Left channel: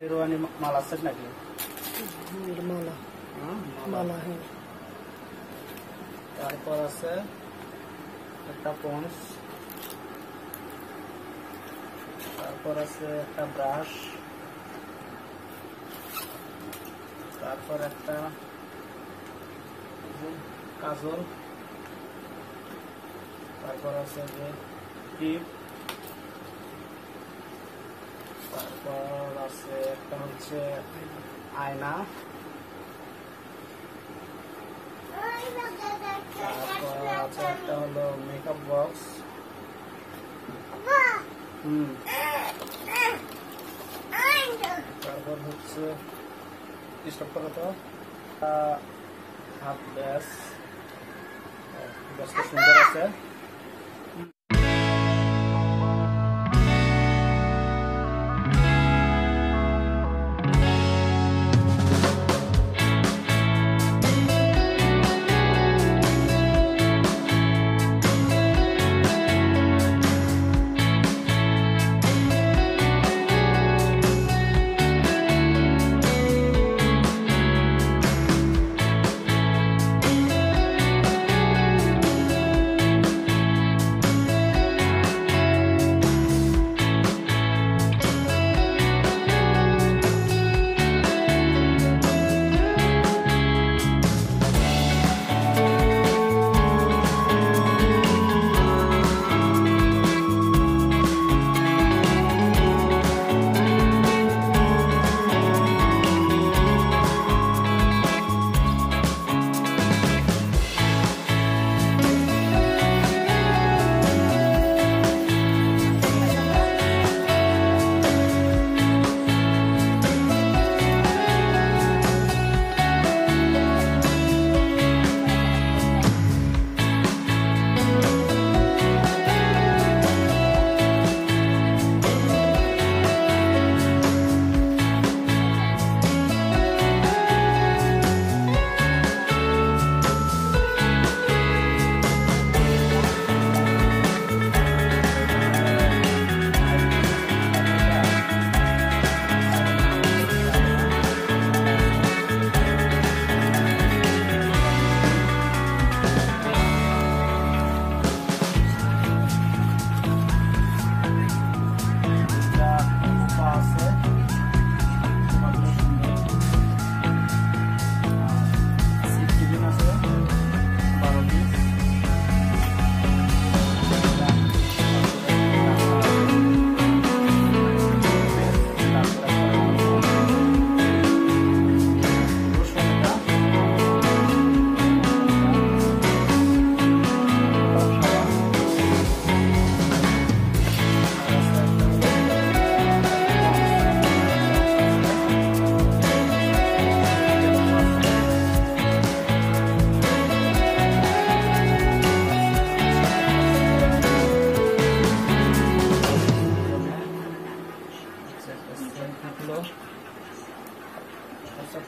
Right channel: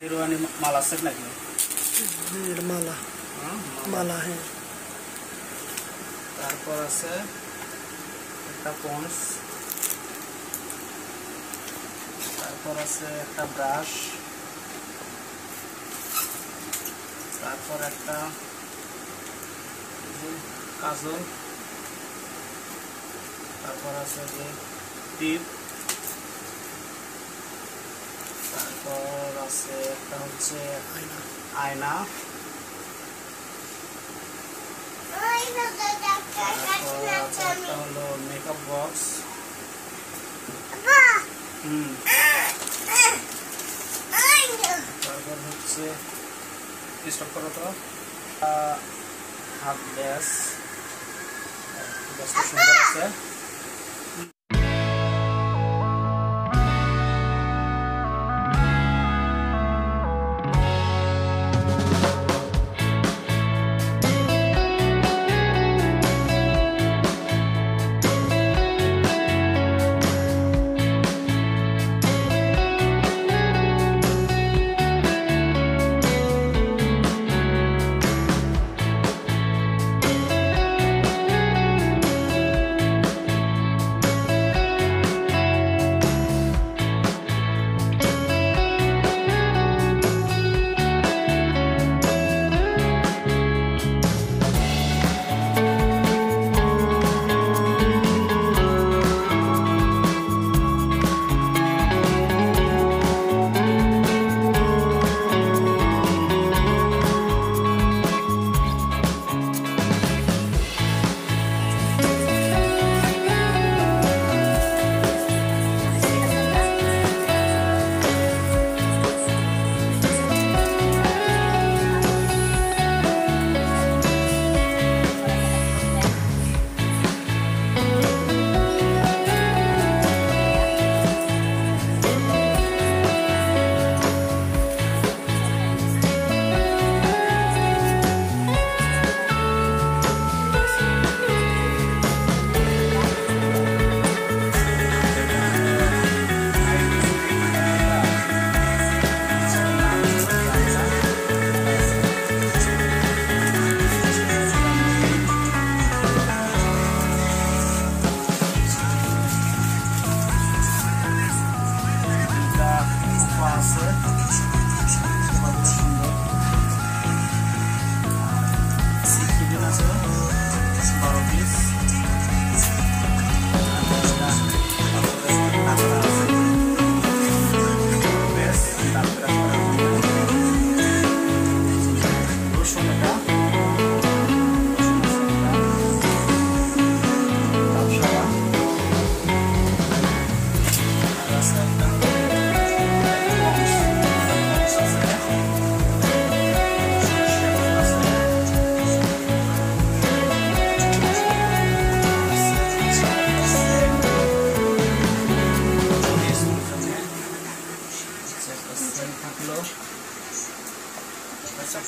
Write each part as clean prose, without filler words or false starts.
शेरवानी माला सब लगे माला माला है তারপর আছে একটা পন্স তারপর আছে একটা ব্রাশ তারপর একটা কাজল তারপর আছে যে টিপ তারপর আছে একটা হচ্ছে আয়না একটা হলো মেকআপ বক্স তারপর হচ্ছে স্টপ করো তো হাত গ্যাসটা সুন্দর আছে।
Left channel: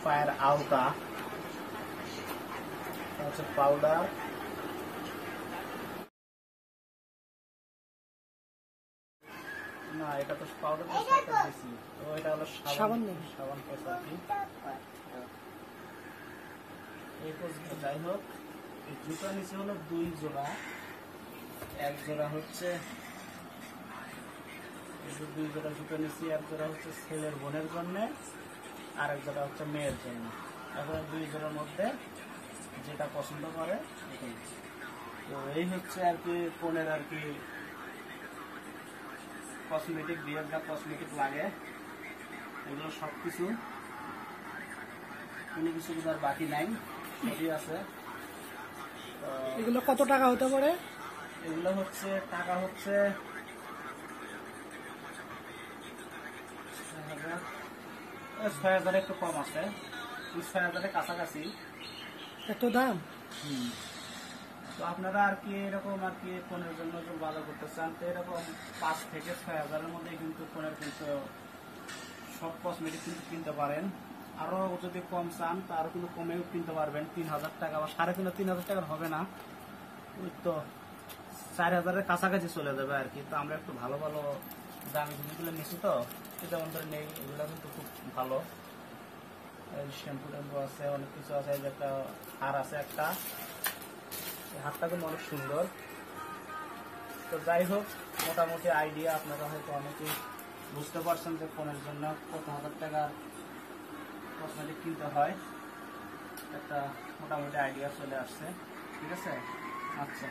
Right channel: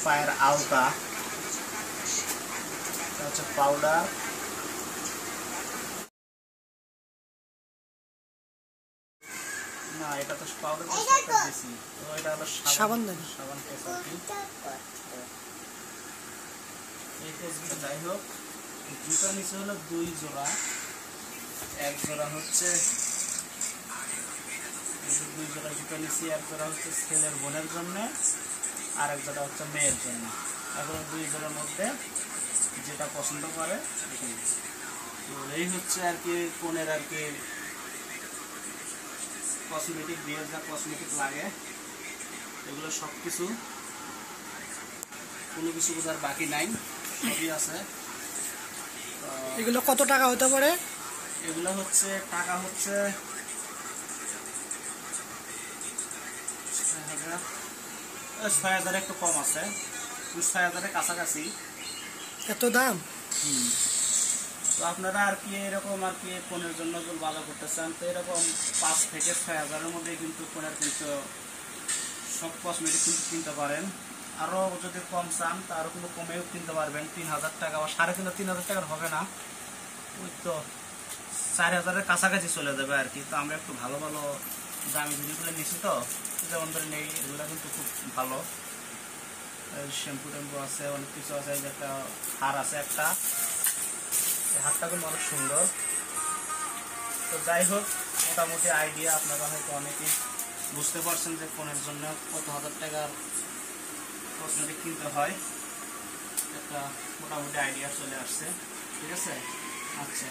फायर आउटा पाउडार ना এটা তো পাউডার বেশি তো এটা হলো সাবান পেস্ট আর কি এই পেস্টটা যাই হোক জুতার নিচে হলো দুই জোড়া এক জোড়া হচ্ছে এই যে দুই জোড়া জুতা নিচে এক জোড়া হচ্ছে ছেলের বোনের জন্য আর এক জোড়া হচ্ছে মেয়ের জন্য এখন দুই জোড়ার মধ্যে যেটা পছন্দ করে তো এই হচ্ছে আর কি কোনের আর কি কসমেটিক বিয়ের যা কসমেটিক লাগে এগুলো সব কিছু কোনো কিছু বোঝার বাকি নাই সবই আছে। এগুলো কত টাকা হতে পারে? এগুলো হচ্ছে টাকা হচ্ছে 6,000 একটু কম আছে 6,000 কাছাকাছি এত দাম। তো আপনারা আর কি এরকম আর কি ফোনের জন্য যদি বাজার করতে চান তো এরকম 5 থেকে 6,000 মধ্যে কিন্তু ফোনের কিন্তু সব কসমেটিক কিন্তু কিনতে পারেন। আরও যদি কম চান তা আরও কিন্তু কমেও কিনতে পারবেন 3,000 টাকা বা 3,500 টাকার হবে না তো 4,000-এর কাছাকাছি চলে যাবে আর কি। তো আমরা একটু ভালো ভালো দামি জিনিসগুলো নিচ্ছি তো যেমন ধরে নেই এগুলো কিন্তু খুব ভালো, শ্যাম্পু ট্যাম্পু আছে, অনেক কিছু আছে। এই যে একটা হার আছে, একটা এই হারটা কিন্তু অনেক সুন্দর। তো যাই হোক, মোটামুটি আইডিয়া আপনারা হয়তো অনেকেই বুঝতে পারছেন যে ফোনের জন্য কত হাজার টাকার কসমেটিক কিনতে হয়। একটা মোটামুটি আইডিয়া চলে আসছে। ঠিক আছে, আচ্ছা।